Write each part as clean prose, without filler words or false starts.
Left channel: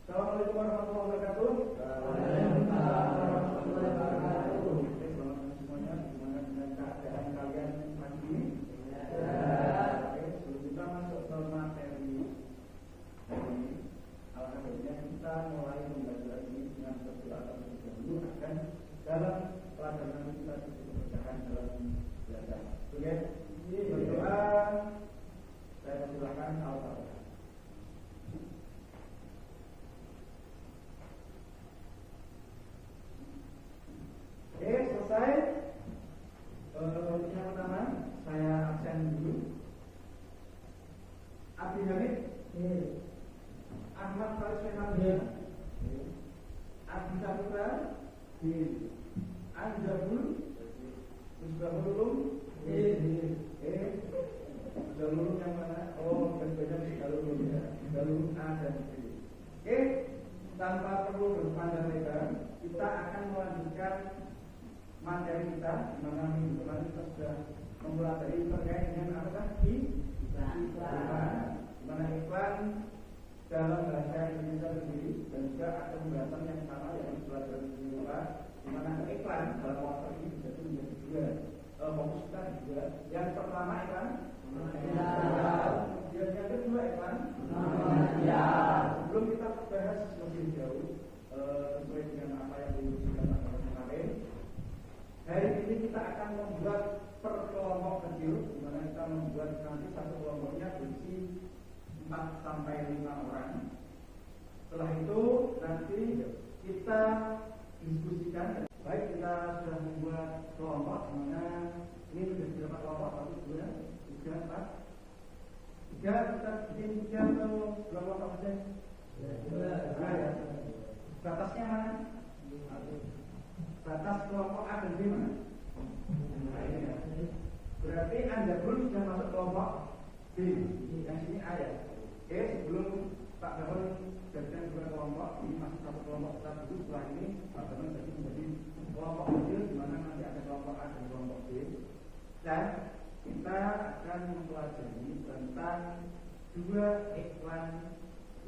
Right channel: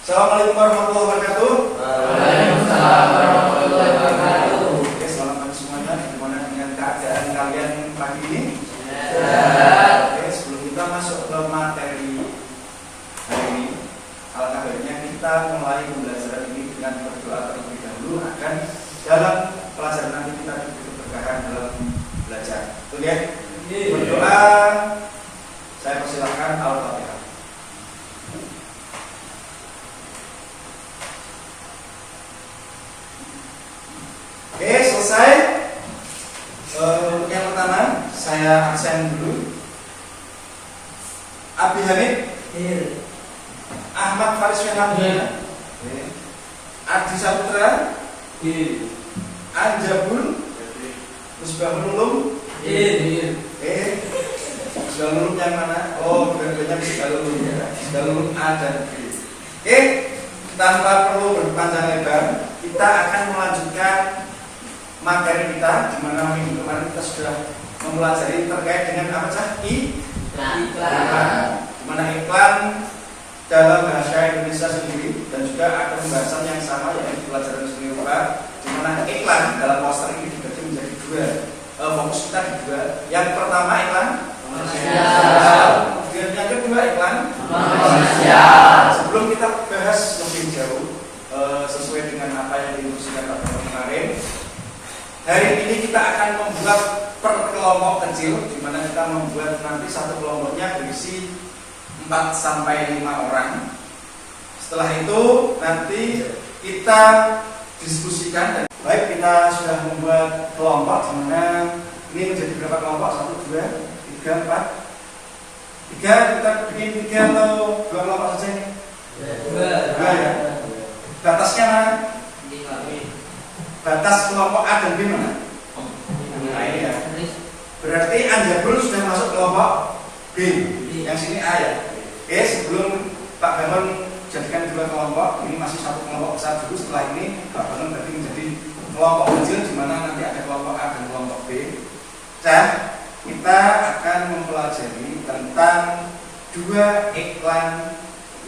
Assalamualaikum warahmatullahi wabarakatuh. Waalaikumsalam warahmatullahi wabarakatuh. Oke, selamat pagi semuanya. Gimana dengan keadaan kalian pagi ini? Oke, sebelum kita masuk ke materi hari ini, alangkah baiknya kita mulai pembelajaran ini dengan berdoa terlebih dahulu agar dalam pelajaran nanti kita diberi keberkahan dalam belajar. Betul ya? Berdoa. Saya persilahkan Al-Fatihah. Oke, selesai. Untuk yang pertama, saya aksen dulu. Abi Hamid, Ahmad Faris Fernandina, Adi Saputra, Anjabul, Musbahul Ulum, Musbahul Ulum yang mana? Oh, berbeda Musbahul Ulum ya. Musbahul Ulum A dan B. Oke, tanpa perlu berpanjang lebar, kita akan melanjutkan materi kita, di mana minggu kemarin kita sudah mempelajari terkait dengan apa saja iklan. Di mana iklan dalam bahasa Indonesia sendiri dan juga ada pembahasan yang sama yaitu di pelajaran seni rupa, di mana iklan dalam poster ini dibagi menjadi dua. Fokus kita di dua. Yang pertama iklan komersial, kemudian yang kedua iklan komersial. Sebelum kita bahas lebih jauh sesuai dengan apa yang diinstruksikan Pak Guru kemarin, hari ini kita akan membuat per kelompok kecil, di mana kita membuat nanti satu kelompoknya berisi 4 sampai 5 orang. Setelah itu nanti kita diskusikan dan baik kita sudah membuat kelompok, di mana ini menjadi berapa kelompok? 1, 2, 3, 4. 3, kita bikin 3 atau 2 kelompok saja ini? 2 ya. Batasnya mana? Batas kelompok A dan B mana? Nah ini ya. Berarti Anjabul sudah masuk kelompok B. Yang sini A ya. Oke, sebelum Pak Bangun jadikan 2 kelompok, ini masih satu kelompok besar dulu. Setelah ini Pak Bangun berarti menjadi kelompok kecil, di mana nanti ada kelompok A dan kelompok B. Dan kita akan mempelajari tentang 2 iklan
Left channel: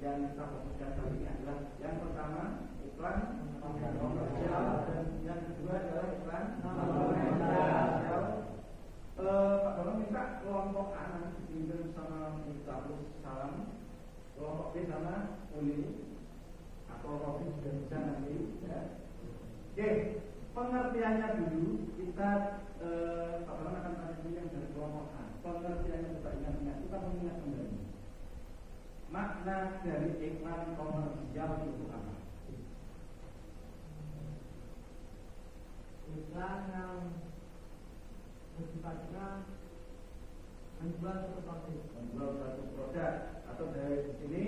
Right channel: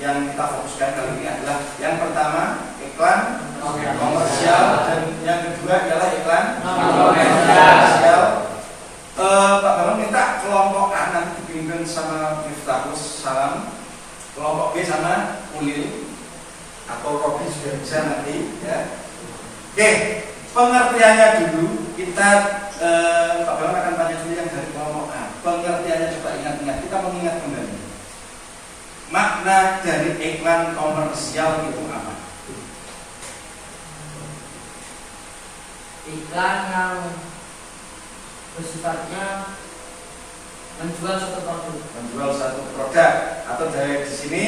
yang kita fokuskan kali ini adalah yang pertama iklan komersial dan yang kedua adalah iklan komersial. Pak Bambang minta kelompok A nanti dipimpin sama Miftahus Salam, kelompok B sama Ulil atau Robi sudah bisa nanti ya. Oke, pengertiannya dulu kita Pak Bambang akan tanya dulu yang dari kelompok A. Pengertiannya coba ingat-ingat, kita mengingat kembali. Makna dari iklan komersial itu apa? Iklan yang bersifatnya menjual satu produk. Menjual satu produk, atau dari di sini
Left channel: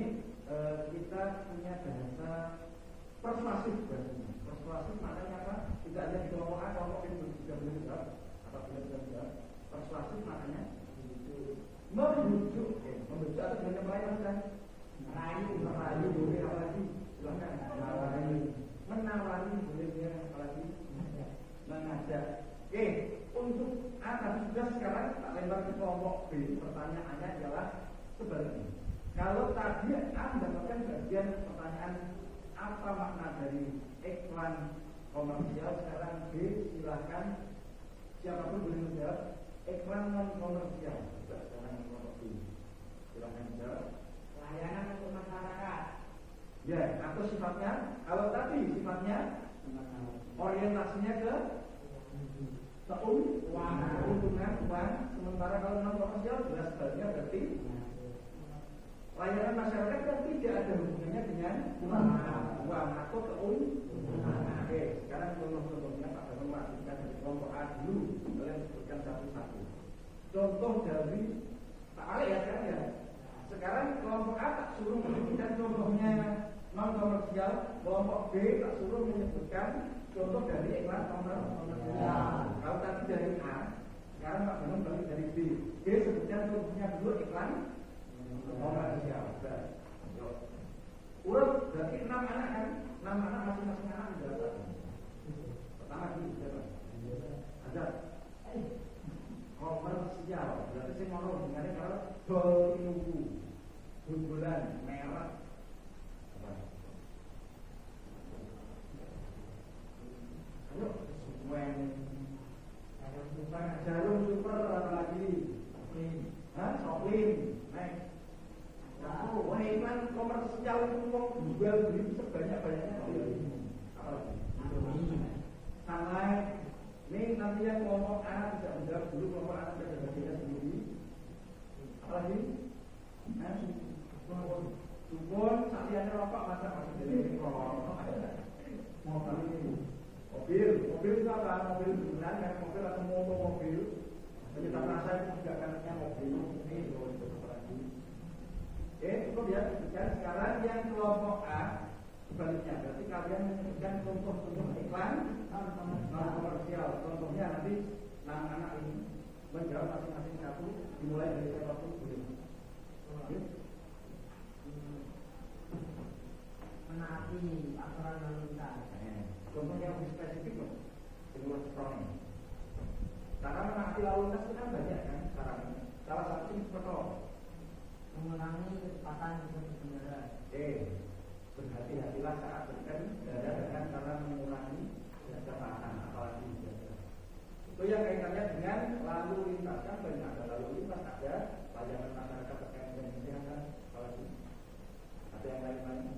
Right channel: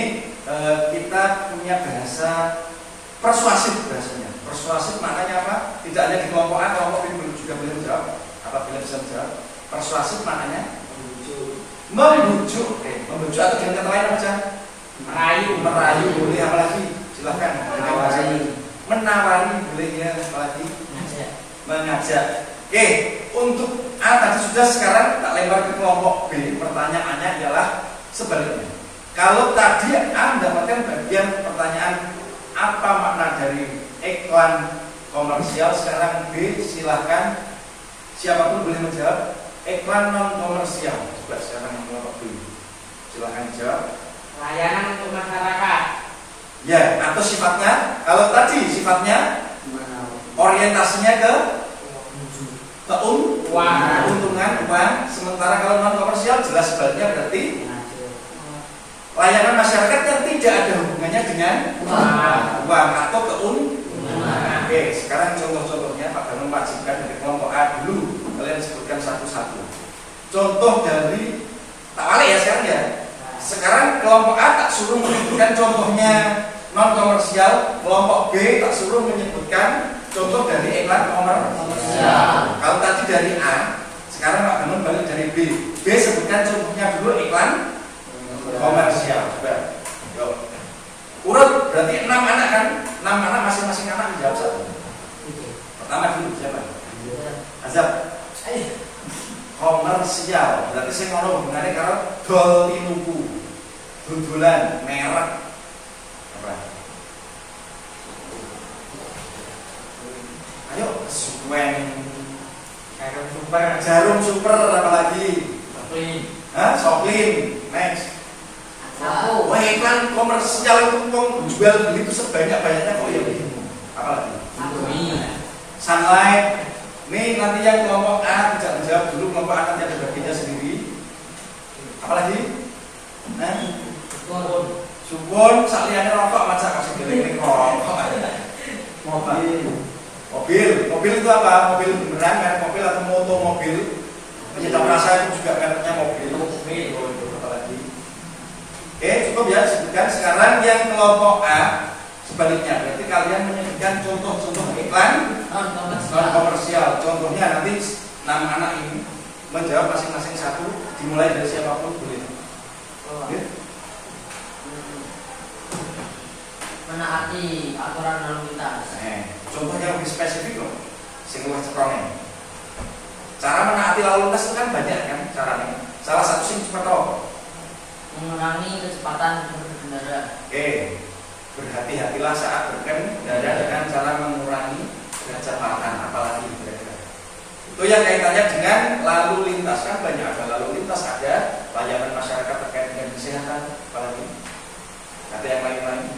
kita punya bahasa persuasif bahasanya. Persuasif maknanya apa? Tidak hanya di kelompok A, kelompok B juga boleh menjawab. Apabila bisa menjawab. Persuasif maknanya membujuk. Membujuk atau dengan kata lain apa saja? Merayu boleh, apa lagi? Silahkan. Menawari boleh ya, apa lagi? Mengajak. Oke, untuk A tadi sudah, sekarang tak lempar ke kelompok B. Pertanyaannya adalah sebaliknya. Kalau tadi A mendapatkan bagian pertanyaan apa makna dari iklan komersial, sekarang B silahkan siapapun boleh menjawab iklan non komersial. Coba sekarang kelompok B silahkan jawab. Layanan untuk masyarakat. Ya, atau sifatnya, kalau tadi sifatnya orientasinya ke keuntungan uang, sementara kalau non komersial jelas sebaliknya berarti layanan masyarakat yang tidak ada hubungannya dengan uang atau keuntungan. Oke, sekarang contoh-contohnya Pak Danung wajibkan dari kelompok A dulu, kalian sebutkan satu-satu. Contoh dari tak balik ya sekarang ya. Sekarang kelompok A tak suruh menyebutkan contohnya non komersial, kelompok B tak suruh menyebutkan contoh dari iklan komersial. Kalau tadi dari A, sekarang Pak Bangun balik dari B. B sebutkan contohnya dulu iklan komersial. Coba. Yuk. Urut berarti 6 anak kan? 6 anak, masing-masing anak menjawab satu. Pertama dulu siapa? Azab. Komersial. Berarti saya ngono hubungannya karo dol tinuku. Dudulan merek. Apa? wen, Jarum super. jarum super, apalagi? Clean. Hah? Soklin. Next. Sapu. Wah, iklan komersial itu uang jual beli itu sebanyak-banyaknya kok ya bingung. Apalagi? Sunlight. Nih nanti yang kelompok A tidak menjawab dulu, kelompok A nanti ada bagiannya sendiri. Apalagi? Nah, subun, sakliannya rokok macam kasih giling rokok. Mobil itu apa? Mobil beneran, merek mobil atau mobil? Penyedap rasa itu juga mereknya mobil. Apalagi? Oke, cukup ya sebutkan. Sekarang yang kelompok A sebaliknya, berarti kalian menyebutkan contoh-contoh iklan non komersial. Contohnya nanti 6 anak ini menjawab masing-masing satu, dimulai dari siapapun boleh. Oke? Menaati aturan lalu lintas. Contohnya lebih spesifik loh, sing luwih ceprone. Cara menaati lalu lintas itu kan banyak kan caranya. Salah satu sing cepet Mengurangi kecepatan berkendara. Oke, berhati-hatilah saat berkendara dengan cara mengurangi kecepatan, apalagi kira-kira. Itu yang kaitannya dengan lalu lintas, kan banyak, ada lalu lintas, ada layanan masyarakat terkait dengan kesehatan, apalagi ada yang lain-lain.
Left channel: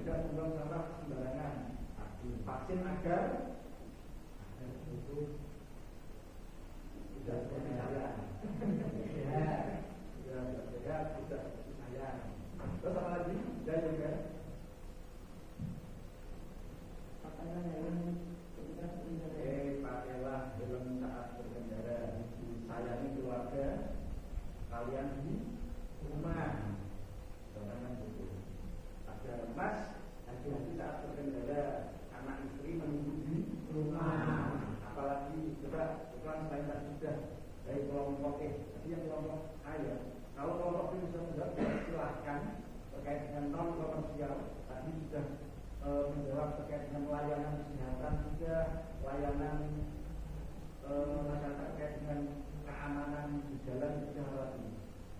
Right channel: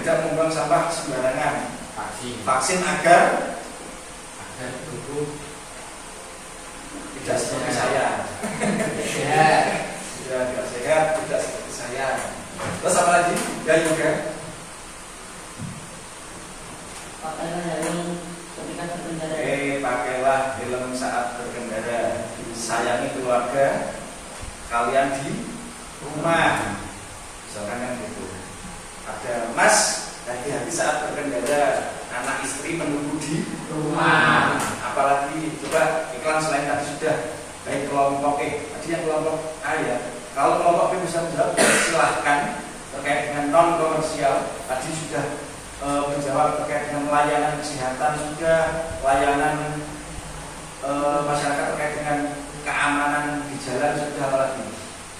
Tidak membuang sampah sembarangan. Vaksin agar tubuh tidak seperti saya. sehat. Tidak sehat, tidak seperti saya. Terus apa lagi? Ya juga. Pakailah helm ketika berkendara. Pakailah helm saat berkendara. Sayangi keluarga kalian di rumah. Misalkan kan gitu. Ada Mas, hati-hati saat berkendara. Anak istri menunggu di Rumah. Apalagi coba iklan selain tadi sudah. Baik kelompok tadi yang kelompok A ya. Kalau kelompok B bisa menjawab, silahkan terkait dengan non komersial. Tadi sudah menjawab terkait dengan layanan kesehatan, sudah layanan masyarakat terkait dengan keamanan di jalan, sudah apalagi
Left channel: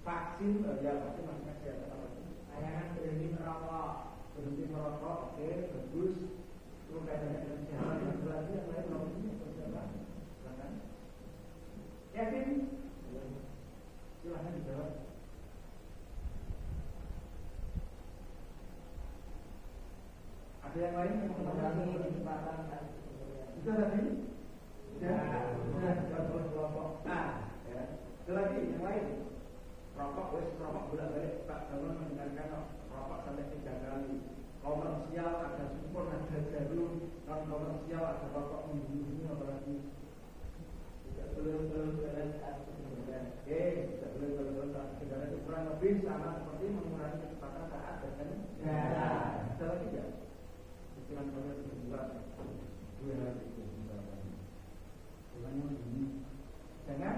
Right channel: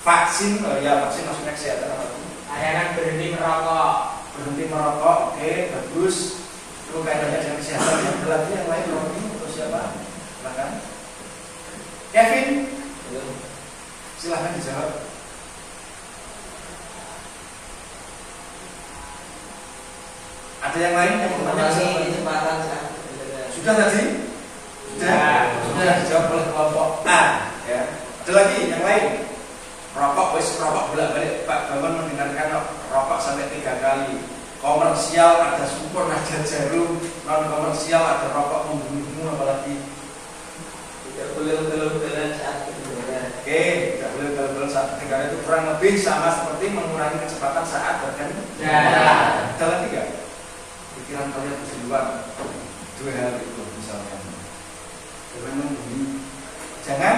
vaksin, ya vaksin maksudnya kesehatan apalagi. Layanan berhenti merokok. Berhenti merokok, oke, bagus. Itu kaitannya dengan kesehatan. Yang lagi yang lain Romi atau siapa? Silakan. Kevin, silahkan dijawab. Ada yang lain yang bertanya? Kecepatan Sudah tadi? Sudah dijawab oleh kelompok A. Ya. Ada lagi yang lain? Rokok, rokok bolak-balik. Pak Bambang mendengarkan rokok sampai 3 kali. Komersial ada supor, ada jarum. Non komersial ada rokok membunuhmu, apalagi tidak boleh ugal-ugalan saat berkendara. Oke, tidak boleh ugal-ugalan saat berkendara, itu kurang lebih sama seperti mengurangi kecepatan saat berkendara. Ada lagi nggak? Pikiran kalian di luar 2 hal itu misalkan. Jangan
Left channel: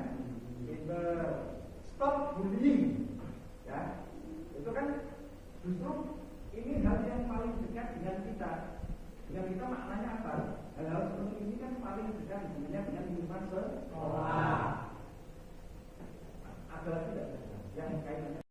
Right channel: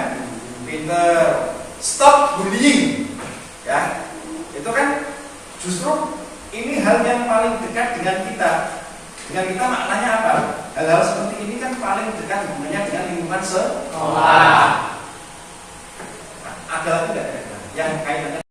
pinter. Stop bullying. Ya, itu kan justru ini hal yang paling dekat dengan kita. Dengan kita maknanya apa? Hal-hal seperti ini kan paling dekat hubungannya dengan lingkungan sekolah. Ada lagi nggak yang kaitannya?